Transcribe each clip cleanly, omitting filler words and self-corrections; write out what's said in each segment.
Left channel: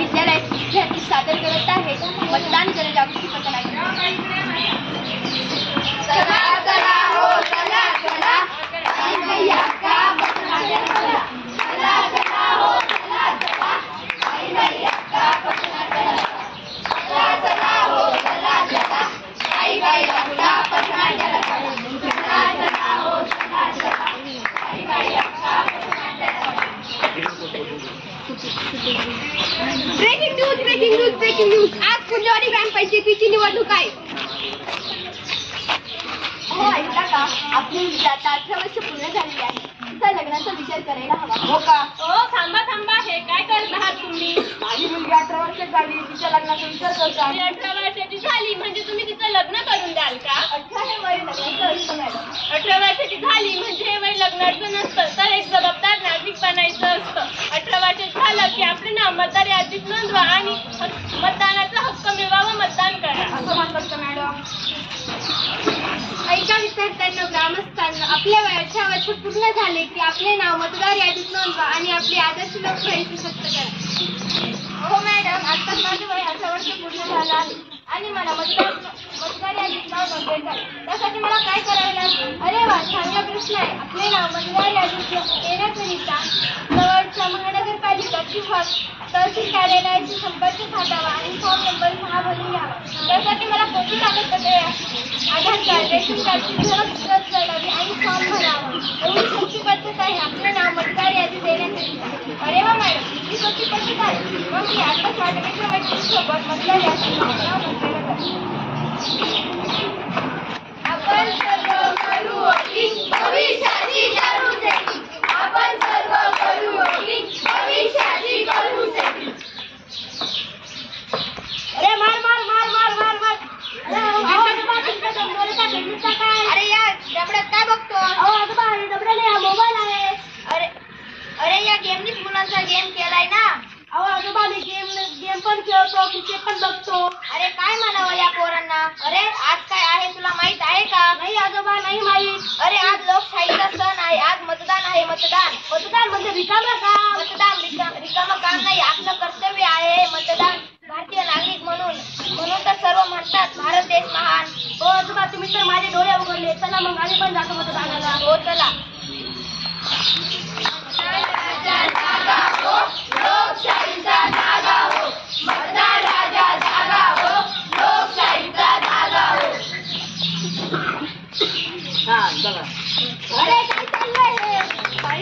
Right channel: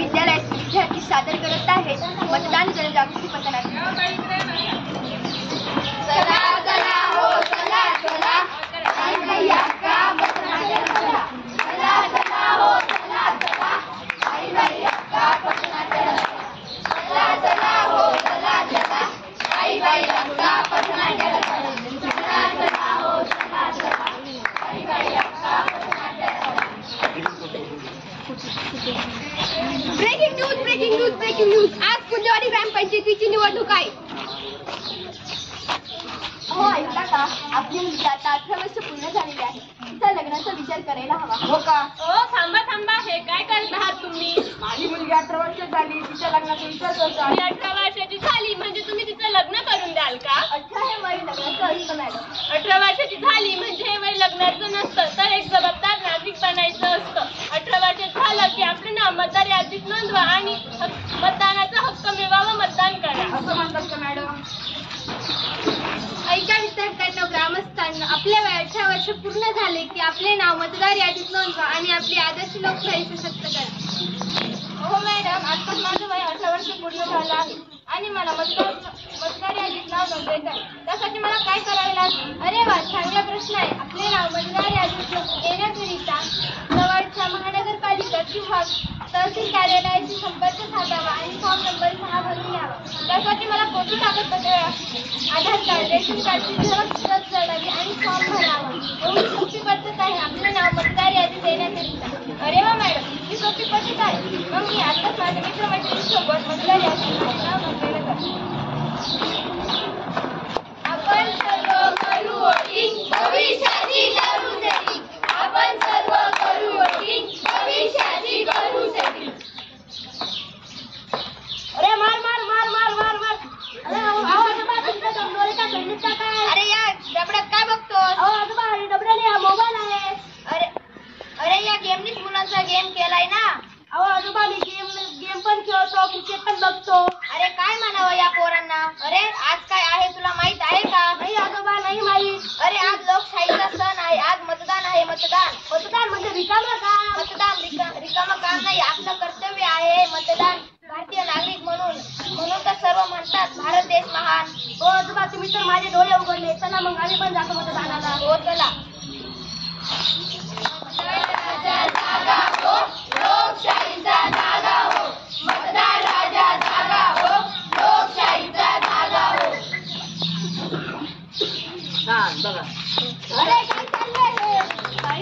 महाविद्यालयाचे विद्यार्थी सादर करत आहेत मतदान जनजागृती पथनाट्य। चला चला हो चला चला आई भैया का पथनाट्य चला, चला चला हो चला चला आई भैया का पथनाट्य चला, चला चला हो चला चला आई भैया का पथनाट्य चला, चला चला हो चला चला आई भैया का पथनाट्य चला। ब्रेकिंग न्यूज आज फुलवाडी ग्रामपंचायतीची निवडणूक आहे। हो ऐकला का, आपली मुलगी आता 18 वर्ष पूर्ण झालेली आहे, तिचा लग्नाचा विचार करायला हवा। हो का? हो थांबा हे काय करत आहात तुम्ही? माझी मुलगी 18 वर्ष झाली, तिच्या लग्नाचा विचार करतो। 18 वर्षाची झाली म्हणजे तुम्ही तिचं लग्न करून द्याल का? 18 हे वय लग्नाचं असतं मॅडम। 18 वर्षाची झाली म्हणजे हे वय लग्नाचं नसतं, तर एक जबाबदार नागरिक बनायचं असतं। 18 वर्ष झालं की आपले नाव मतदार यादीत नोंदवा आणि मतदानाचा हक्क मिळवावा, मतदान करा असं म्हणतात का मॅडम? ऐका विद्यार्थ्यांना, ग्रामस्थांना, आपल्या वय 18 वर्ष पूर्ण झाले की आपले नाव मतदार यादीत नोंदवा आणि आपली आदर्श लोकशाही सशक्त करा। हो मॅडम, आत्ताच माझं वय 18 वर्ष पूर्ण झालं आहे आणि मला मतदार यादीत नाव नोंदवायचं आहे, त्यासाठी मला काय करावे लागेल? अरे वा, चांगला प्रश्न आहे। आपले नाव मतदार यादीत येण्याकरिता जवळच्या महानगरपालिका किंवा तहसील कार्यालयाशी संपर्क साधावा आणि फॉर्म नंबर 6 भरून घ्यावा। त्यासाठी मला कोणती कागदपत्रे आधार कार्ड, रेशन कार्डची झेरॉक्स प्रत जोडावी आणि फॉर्म भरावा। एवढी सोपी पद्धत आहे आपले नाव मतदार यादीत देण्याकरिता। अरे वा मॅडम, ही सोपी पद्धत आहे, मग मी आत्ताच माझ्या मित्रमैत्रिणींसोबत मतदार यादीत नाव नोंदवायला जाते। आपण सर्व करू वोटिंग, भविष्याची करू सेटिंग। आपण सर्व करू वोटिंग, भविष्याची करू सेटिंग। अरे मार अरे या डबड्यात काय बघतो? डबड्याने हा मोबाईल आहे। अरे या गेमनीच मुलांचा गेम केलाय ना। अहो आजोबा, मी गेम पण खेळतो, क्रिकेट पण बघतो। अरे काय म्हणावं या पोरांना? अरे आज काय आहे तुला माहित आहे का? नाही आजोबा, नाही माहीत। अरे आज लोकशाहीचा सण आहे, आज मतदान आहे। मतदान म्हणजे रिकामं काम? मतदान रिकामं काम नाही, आपलं कर्तव्य आहे मतदान। भारतीय नागरिक म्हणून तर सर्व म्हणतात भारत देश महान। हो आजोबा, तुम्ही तर माझे डोळे उघडले। चला मग आम्ही पण जातो मतदानाला। हो चला। लोकशाहीचा जागा हो, मतदार राजा जागा हो, लोकशाहीचा जागा हो। अरे काय चाललंय हे?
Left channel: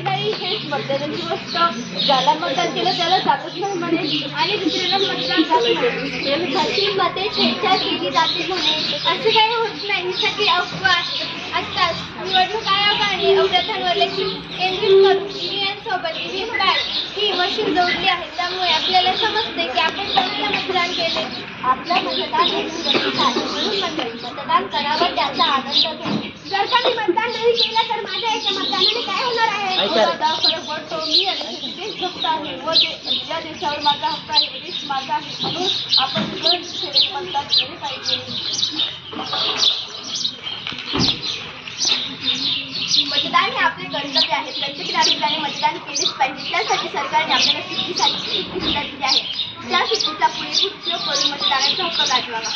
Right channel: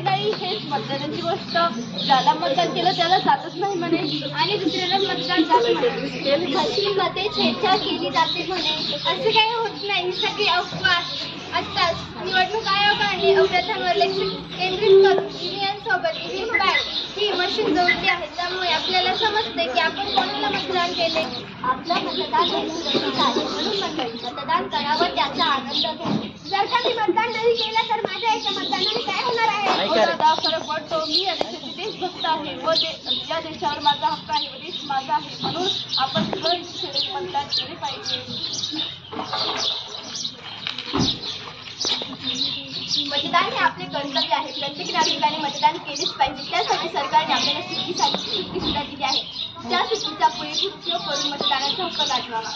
काही हेच मतदानाची गोष्ट, ज्याला मतदान केलं त्याला जातच नाही म्हणे आणि दुसऱ्याला मतदान जात म्हणे। मते छेडछाड केली जाते म्हणे, असं काही होत नाही, ही सगळी अफवा असतात। निवडणूक आयोगाने अवघातांवर लक्ष केंद्रित करून ईव्हीएम सोबत ईव्हीएम पॅड ही मशीन जोडली आहे, त्यामुळे आपल्याला समजते की आपण कोणाला मतदान केले। आपलं मतदान हे सुरक्षित आहे, म्हणून मंडळी मतदान करावं, त्याचा आनंद घ्या। जर का मी मतदान नाही केलं तर माझ्या एका मतदानाने काय होणार आहे? हो दादा, फरक पडतो। मी या देशाची देशभक्त आहे व या देशावर माझा हक्क आहे व देश माझा आहे, म्हणून आपण सगळे मतदान केले पाहिजे। मतदान हे आपले कर्तव्य आहे, प्रत्येक नागरिकाने मतदान केलेच पाहिजे। त्यासाठी सरकारने आपल्याला सुट्टी सुद्धा दिली आहे, त्या सुट्टीचा पुरेपूर उपयोग करून मतदानाचा हक्क गाजवावा।